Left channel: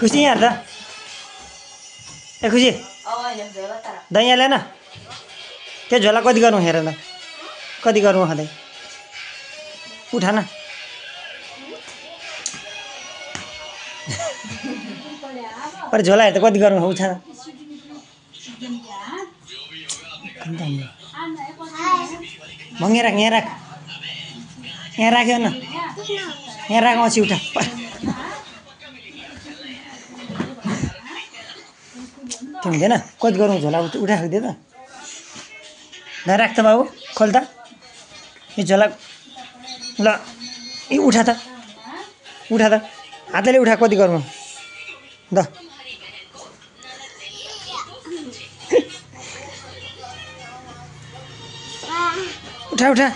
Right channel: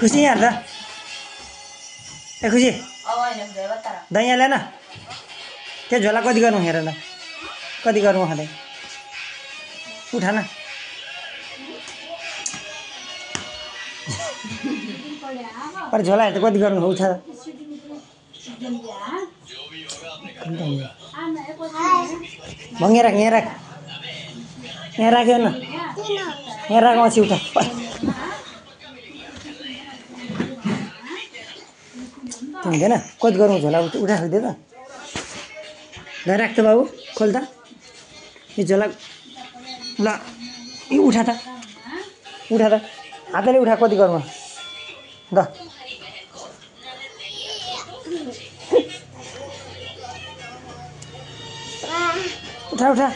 खुसी यहाँ त ए खुसी दही हालेन त्यो झोला कति गर्नु हेर ल कति गर्नु खाँदै उठा न पर झोला हेर त कति गर्नु उठा भङ्गे राख यहाँ राख यहाँ राख्यो न यहाँ राख पछि उठा त्यो हुँदैन कति गरौँ झोला उठा खाइदियो त यहाँ राख त बाबु खोल त यो झोला ल उठा त हातले उठा कति गर्नु द उठा उठा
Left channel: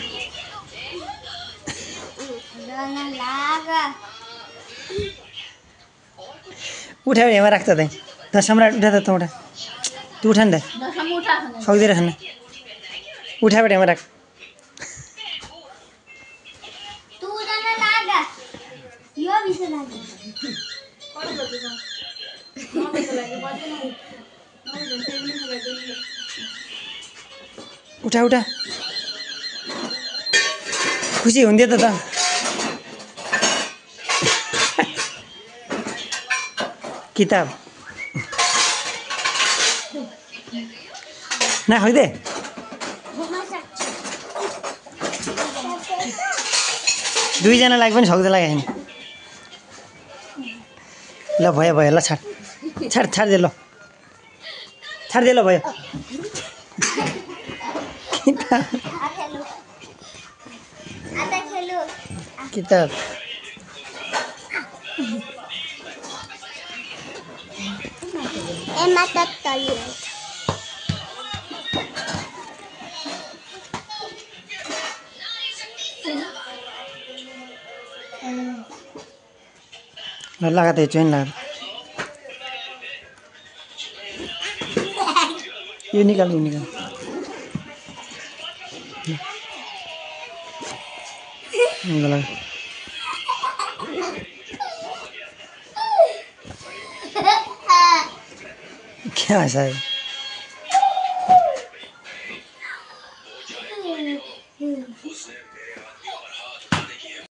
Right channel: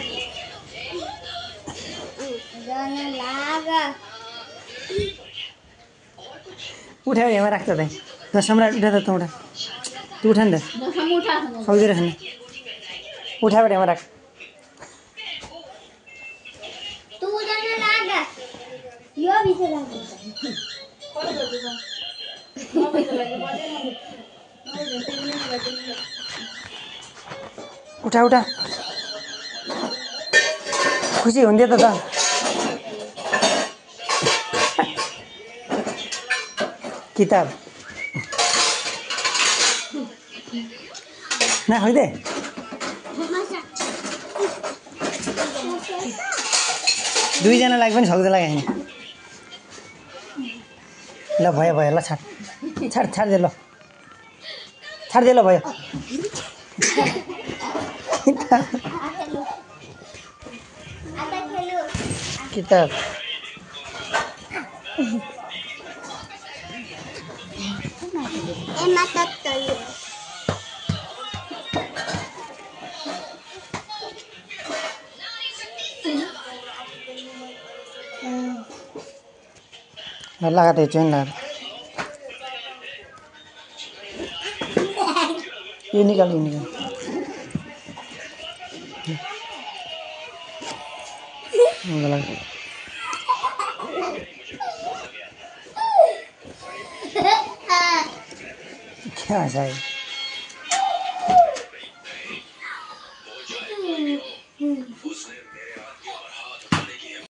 उठा यहाँ राख्छ त ल सम्राट उठा त उठा तँ उठा नि त सक्दैन खान उठाबाट यहाँ राख उठा उठा खुसी हुन्थ्यो त किताब नखाइदे दुईजनालाई पनि सक्दैन होइन ल भयो ल छाडिदिए ल छाडिदिए ल भयो किताब लगा दे चैन लगा ये निकाल क्या ऐसा है